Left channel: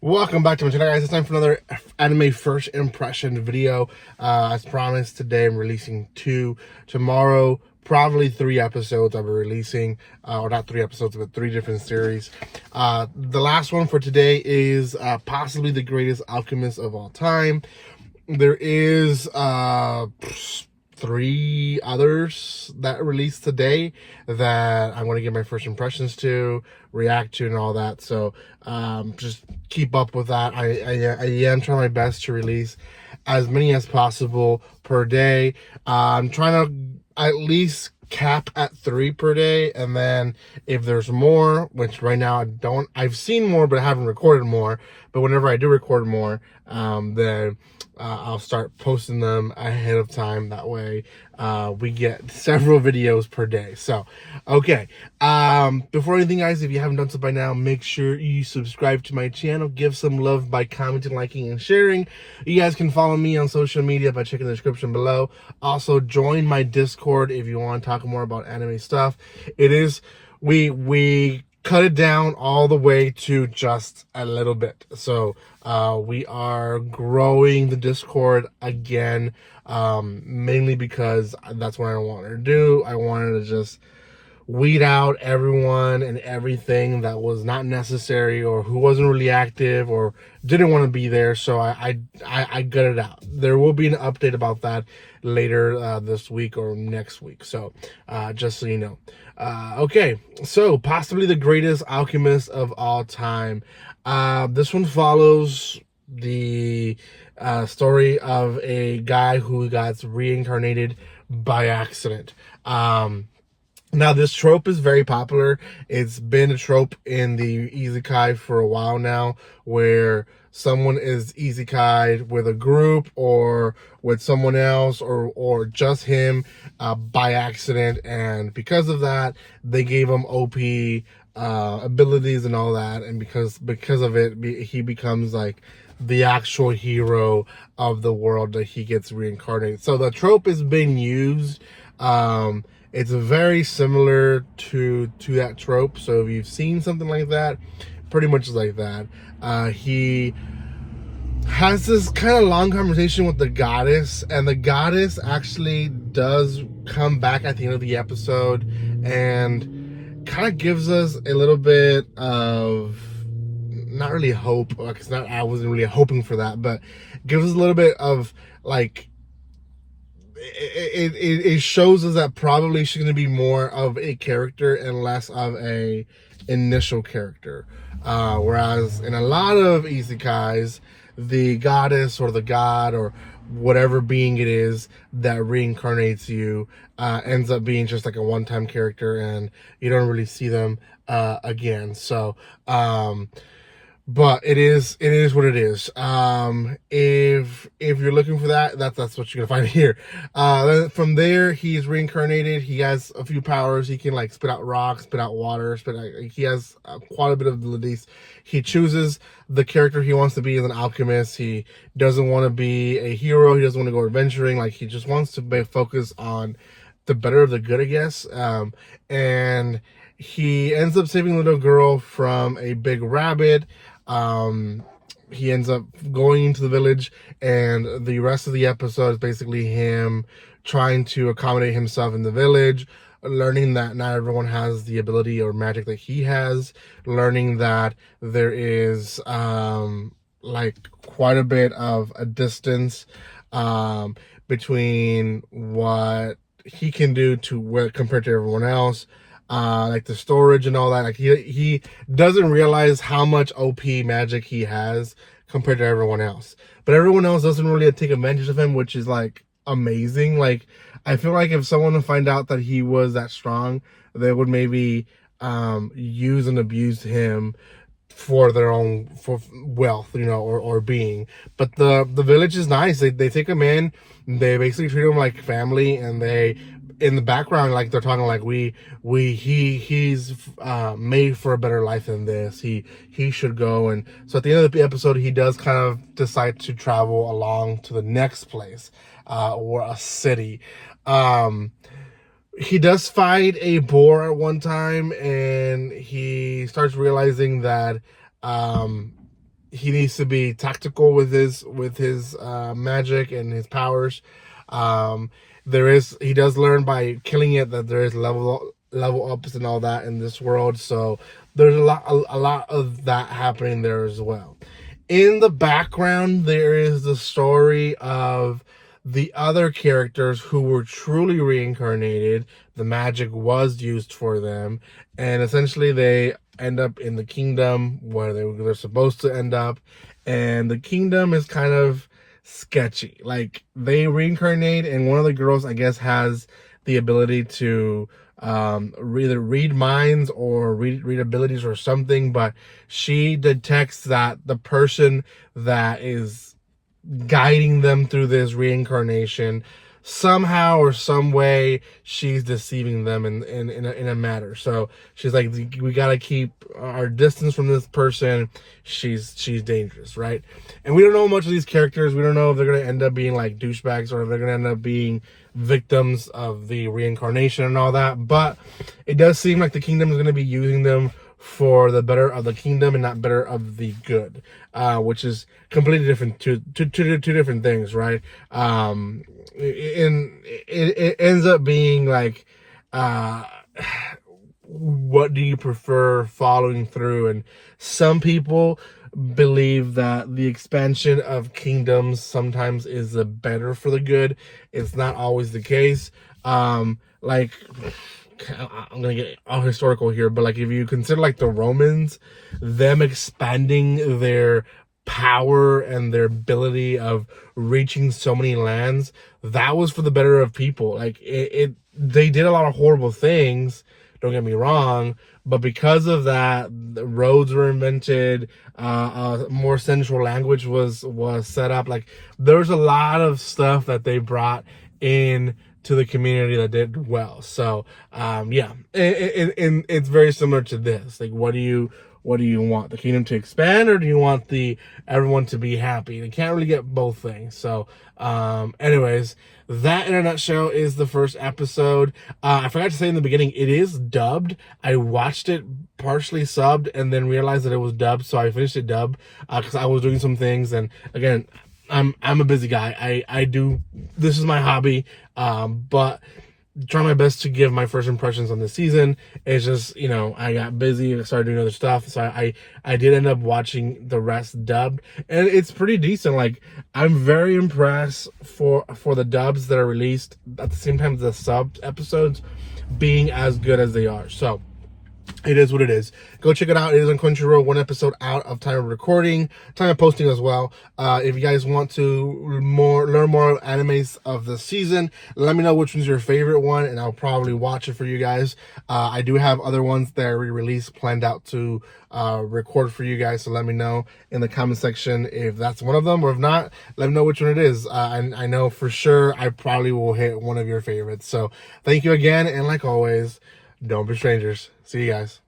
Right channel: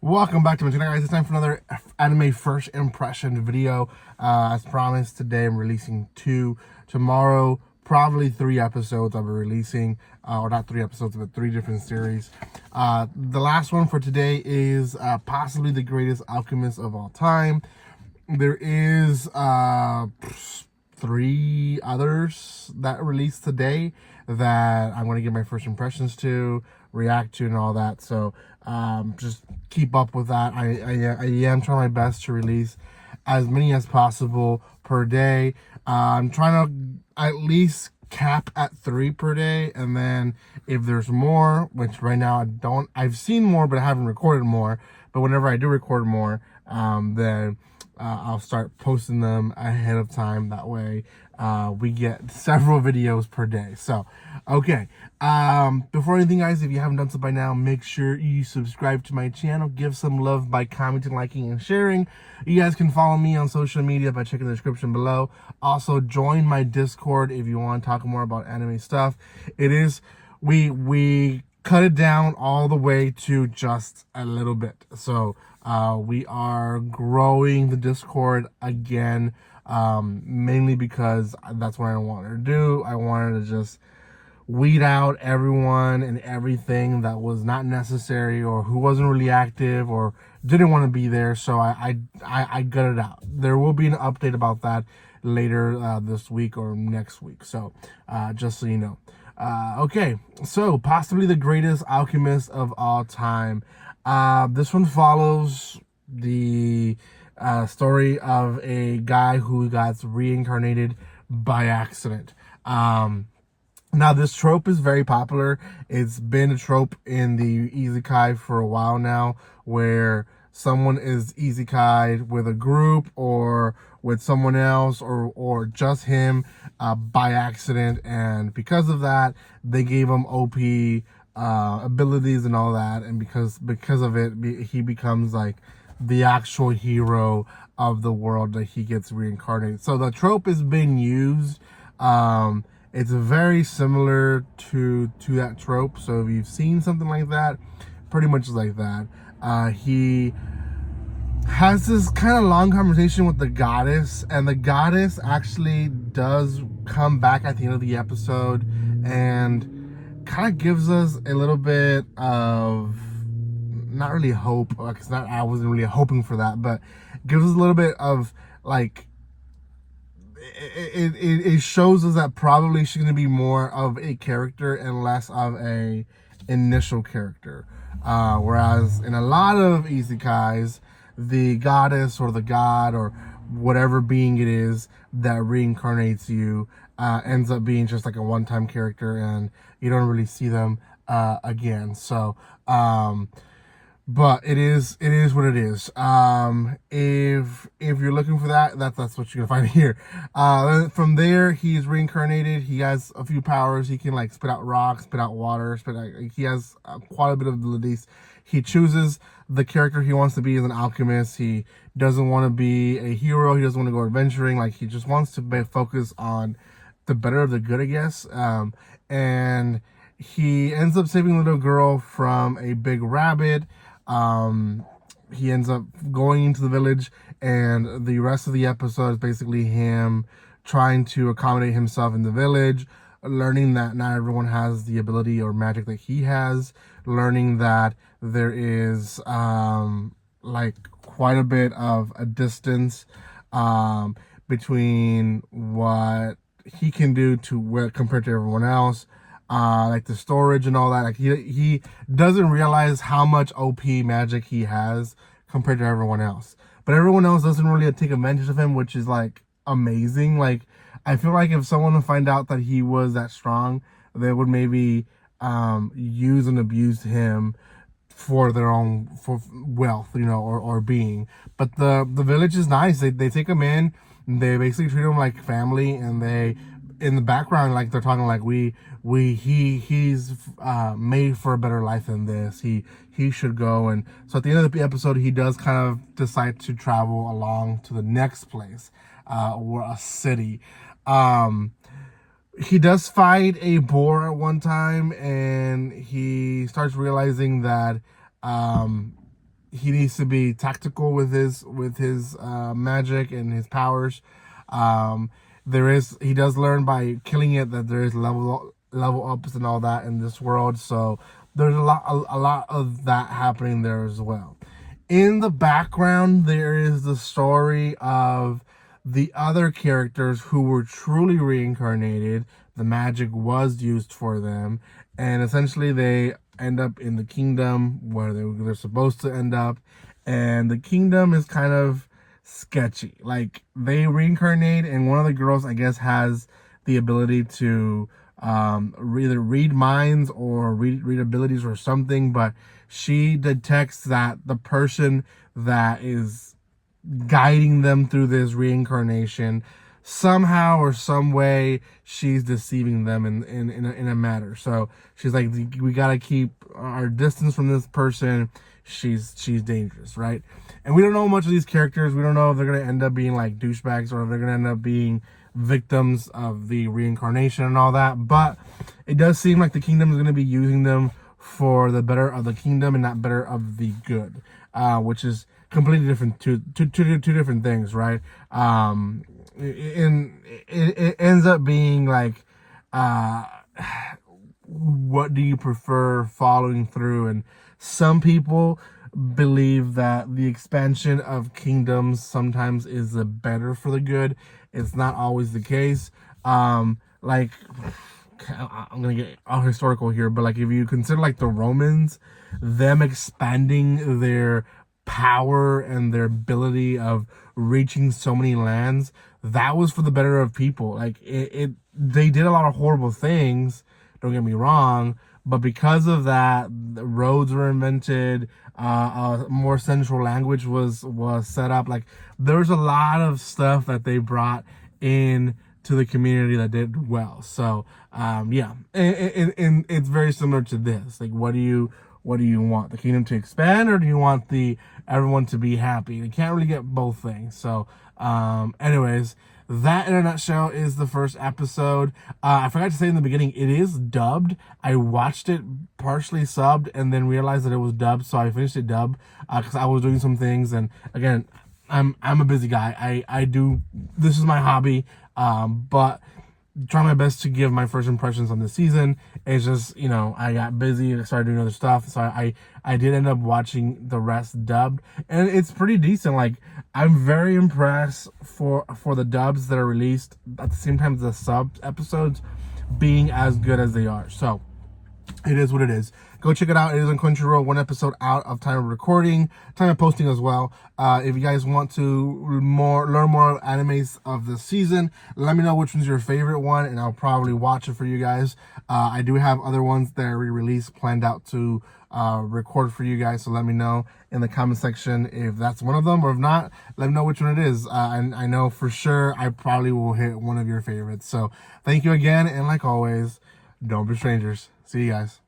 Welcome back to my channel, guys. It's time for another anime first impression video. As promised, today I'm releasing two. Tomorrow, probably 3 episodes I'll be releasing, or not 3 episodes, but 3 different series. The last one for today is possibly the greatest alchemist of all time. There is 3 others that released today that I'm going to give my first impressions to, react to, and all that. So just keep up with that. I am trying my best to release as many as possible per day. I'm trying to at least cap at 3 per day, and then if there's more, which right now I've seen more but I haven't recorded more, but whenever I do record more, then I'll start posting them ahead of time. That way we get several videos per day. So okay, before anything, guys, if you haven't done so by now, make sure you subscribe to my channel. Give some love by commenting, liking, and sharing. You guys can follow me on social media by checking the description below. Also, join my Discord if you want to talk more about anime stuff. It is we cut it down all the way to just a little bit. So we are growing the Discord again, mainly because that's what I wanted to do. I wanted to just weed out everyone and everything that was not necessary or who wasn't really active or didn't want to be there. So I gutted it out. There will be an update about that later this week or next week. So just so you know. Okay, so possibly the greatest alchemist of all time. This one follows the story of a guy who got reincarnated by accident. Now, this trope is very popular. It's been a trope in the isekai for a while now, where someone is isekai with a group or with someone else or just him by accident, and because of that, they gave him OP abilities and all that, and because of it, he becomes like the actual hero of the world that he gets reincarnated. So the trope is being used. It's very similar to that trope. So if you've seen something like that, pretty much like that. He has this kind of long conversation with the goddess, and the goddess actually does come back at the end of the episode and kind of gives us a little bit of, not really hope, like it's not, I wasn't really hoping for that, but gives us a little bit of like, it shows us that probably she's going to be more of a character and less of a initial character. Whereas in a lot of isekais, the goddess or the god or whatever being it is that reincarnates you ends up being just like a one-time character, and you don't really see them again. So but it is what it is. If you're looking for that's what you're gonna find here. From there, he's reincarnated. He has a few powers. He can like spit out rocks, spit out water, he has quite a bit of abilities. He chooses the character he wants to be as an alchemist. He doesn't want to be a hero. He doesn't want to go adventuring. Like, he just wants to focus on the better of the good, I guess. And he ends up saving a little girl from a big rabbit. He ends up going into the village, and the rest of the episode is basically him trying to accommodate himself in the village, learning that not everyone has the ability or magic that he has, learning that there is like quite a bit of a distance between what he can do to what compared to everyone else. Like the storage and all that. Like he doesn't realize how much OP magic he has compared to everyone else. But everyone else doesn't really take advantage of him, which is like amazing. Like, I feel like if someone would find out that he was that strong, they would maybe use and abuse him for their own wealth, you know, or being. But the village is nice. They take him in. They basically treat him like family, and they, in the background, like they're talking like he's made for a better life than this. He should go. And so at the end of the episode, he does kind of decide to travel along to the next place, or a city. He does fight a boar at one time, and he starts realizing that he needs to be tactical with his magic and his powers. He does learn by killing it that there is level ups and all that in this world. So there's a lot of that happening there as well. In the background, there is the story of the other characters who were truly reincarnated. The magic was used for them, and essentially they end up in the kingdom where they're supposed to end up. And the kingdom is kind of sketchy. Like, they reincarnate, and one of the girls, I guess, has the ability to either read minds or read abilities or something, but she detects that the person that is guiding them through this reincarnation, somehow or some way, she's deceiving them in a matter. So she's like, we gotta keep our distance from this person. She's dangerous, right? And we don't know much of these characters. We don't know if they're gonna end up being like douchebags or if they're gonna end up being victims of the reincarnation and all that. But it does seem like the kingdom is gonna be using them for the better of the kingdom and not better of the good, which is completely different, two different things, right? It ends up being like, what do you prefer following through? And some people believe that the expansion of kingdoms sometimes is better for the good. It's not always the case. Like, I'm gonna get all historical here, but like, if you consider like the Romans, them expanding their power and their ability of reaching so many lands, that was for the better of people. Like, they did a lot of horrible things, don't get me wrong, but because of that, the roads were invented, a more central language was set up. Like, there's a lot of stuff that they brought in to the community that did well. So yeah, it's very similar to this. Like, what do you want? The kingdom to expand, or do you want everyone to be happy? They can't really get both things. So anyways, that in a nutshell is the first episode. I forgot to say in the beginning, it is dubbed. I watched it partially subbed and then realized that it was dubbed, so I finished it dubbed because I was doing some things. And again, I'm a busy guy. I do, this is my hobby, but try my best to give my first impressions on this season. It's just, I got busy and started doing other stuff, so I did end up watching the rest dubbed, and it's pretty decent. Like, I'm very impressed for the dubs that are released at the same time as the sub episodes being as good as they are. So it is what it is. Go check it out. It is on Crunchyroll, one episode out of time of recording, time of posting as well. If you guys want to learn more animes of the season, let me know which one's your favorite one, and I'll probably watch it for you guys. I do have other ones that are re-released planned out to record for you guys, so let me know in the comment section if that's one of them, or if not, let me know which one it is. I know for sure I probably will hit one of your favorites. So thank you again, and like always, don't be strangers. See you guys.